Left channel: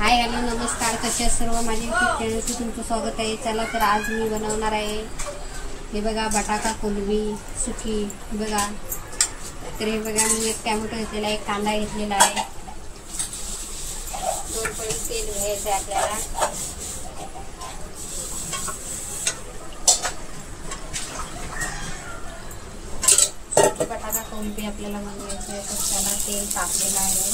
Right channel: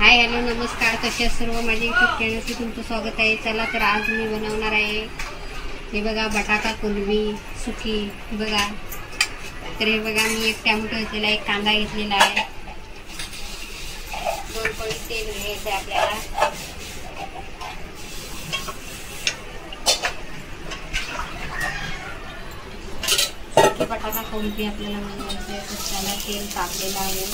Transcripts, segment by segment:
Hi hello नमस्कार, कसे आहेत सर्व माझ्या यूट्यूब चॅनलवरती तुमचं स्वागत आहे। चला तर आज मी बनवणार आहे हे बघा बटाटा कोलंबी सुकी। बघा तर हे बघा मी एक टोमॅटो घेतलेला आहे, एक कांदा घेतलेला आहे, 2 पळी तेल घ्यायचं आपल्याला। सुकी बटाटा कोलंबी आपल्याला बनवायचं आहे तर त्याला तेल टाकलेलं आहे।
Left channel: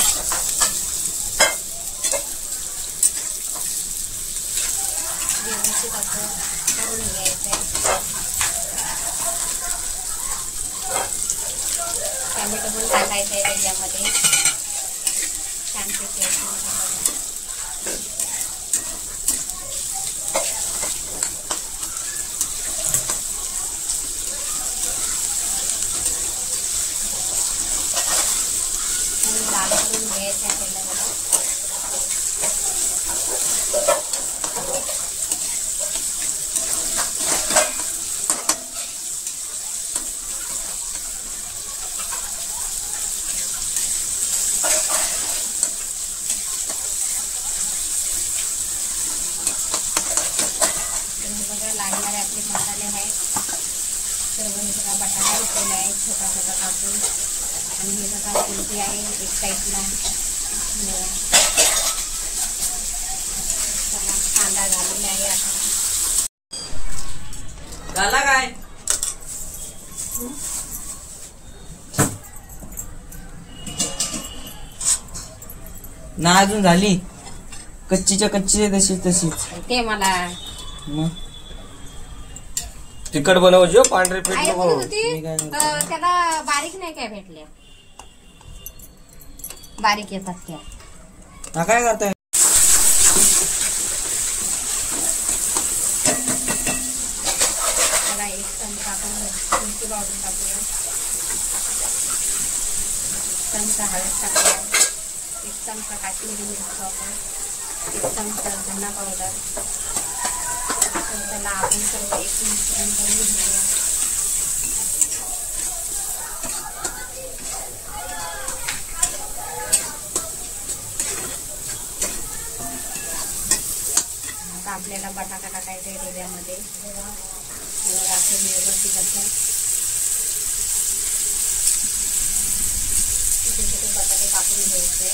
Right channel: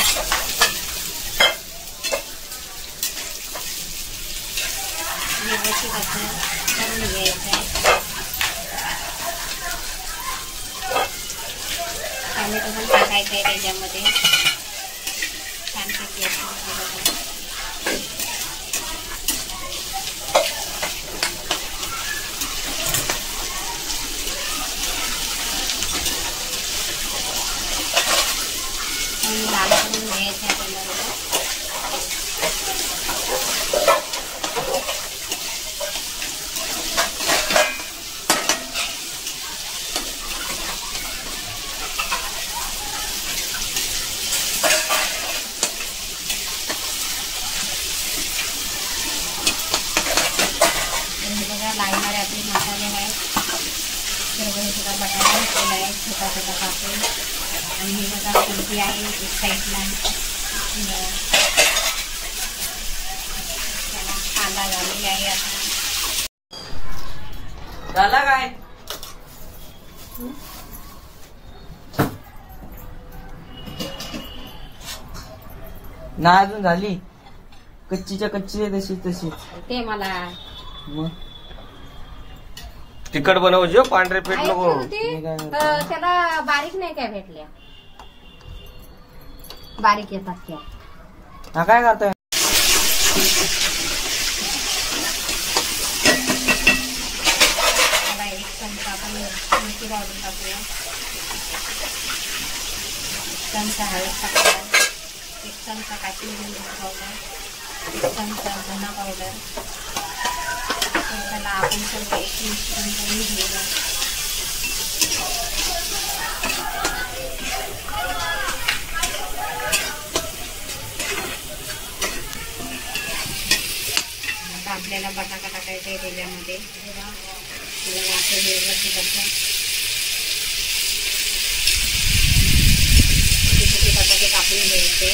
व्यवस्थित असं करून घ्यायचं आहे। टोमॅटो पण टाकायचं आहे त्याच्यामध्ये, छानपैकी लाल करून घ्यायचं आहे आपल्याला। लागणारे आपले मसाले आहेत, सर्व बटाटा घेतलेला आहे छोटा छोटा कापून, आणि हे बघा कोलंबी आहे एक साईडला। कांदा झालेला आहे आता झाला काय ना, अजून झाली कच्चीच्या कच्ची तशीच तशीच ते मला तिखट बनवायचो, पांढरे पीठ नको। त्याला बारीक नाही काय भेटल्या, बारीक येतात त्या। हा काय करताय? त्याला एक चमचा आपण मिरची वाढून टाकूया, चमचा हळद टाकूया, 1 चमचा काश्मीरी मिरची पावडर, 1 चमचा धना पावडर। त्याला आपण सर्व एक मिश्रण करून घेऊया। आता आपल्याला बटाटा टाकायचा आहे त्याच्यामध्ये। बघा असं व्यवस्थित असं छोटे बटाटे कापून घ्यायचे।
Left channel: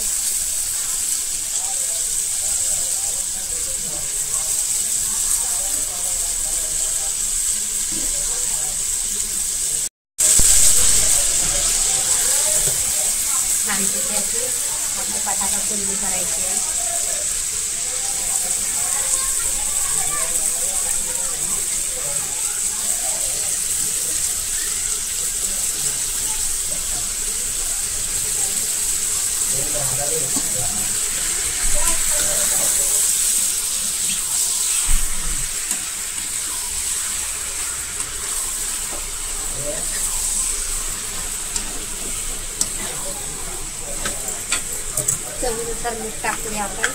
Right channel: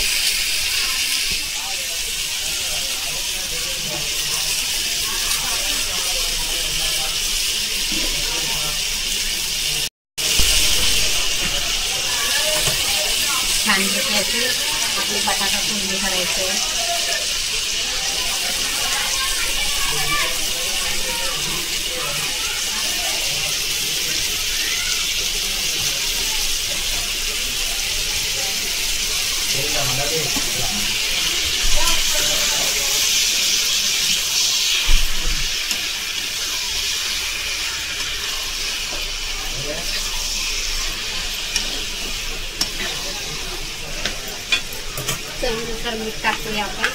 छानपैकी अशी आपली बटाटा कोलंबी करायची आहे। चवीनुसार मीठ टाकूया आपण।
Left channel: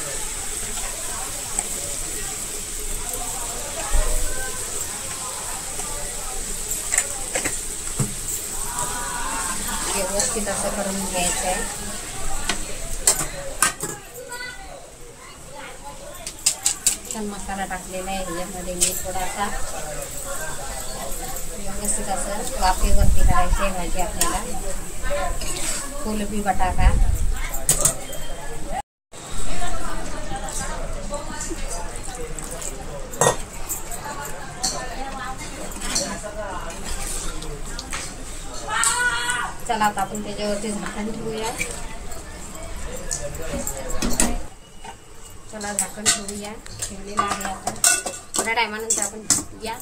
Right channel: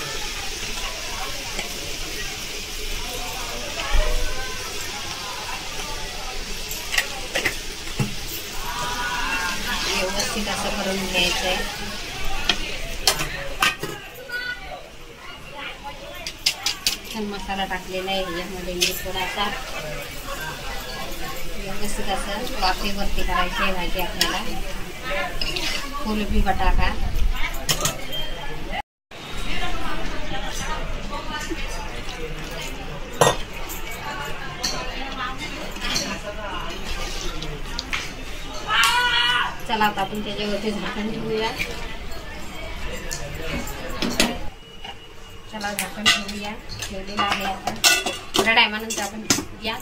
व्यवस्थित असं करून घ्यायचं आहे। मसाला टाकलेला आहे ह्याच्यामध्ये मी थोडासा, व्यवस्थित असं वाफेवरती करायची आहे भाजी आपल्याला कोलंबी बटाटा। चला आता आपण त्याच्यावरती झाकण ठेवूया। चला झाकण ठेवूया, ठेवलेलं आहे आता। थोड्या टायमानंतर आपण या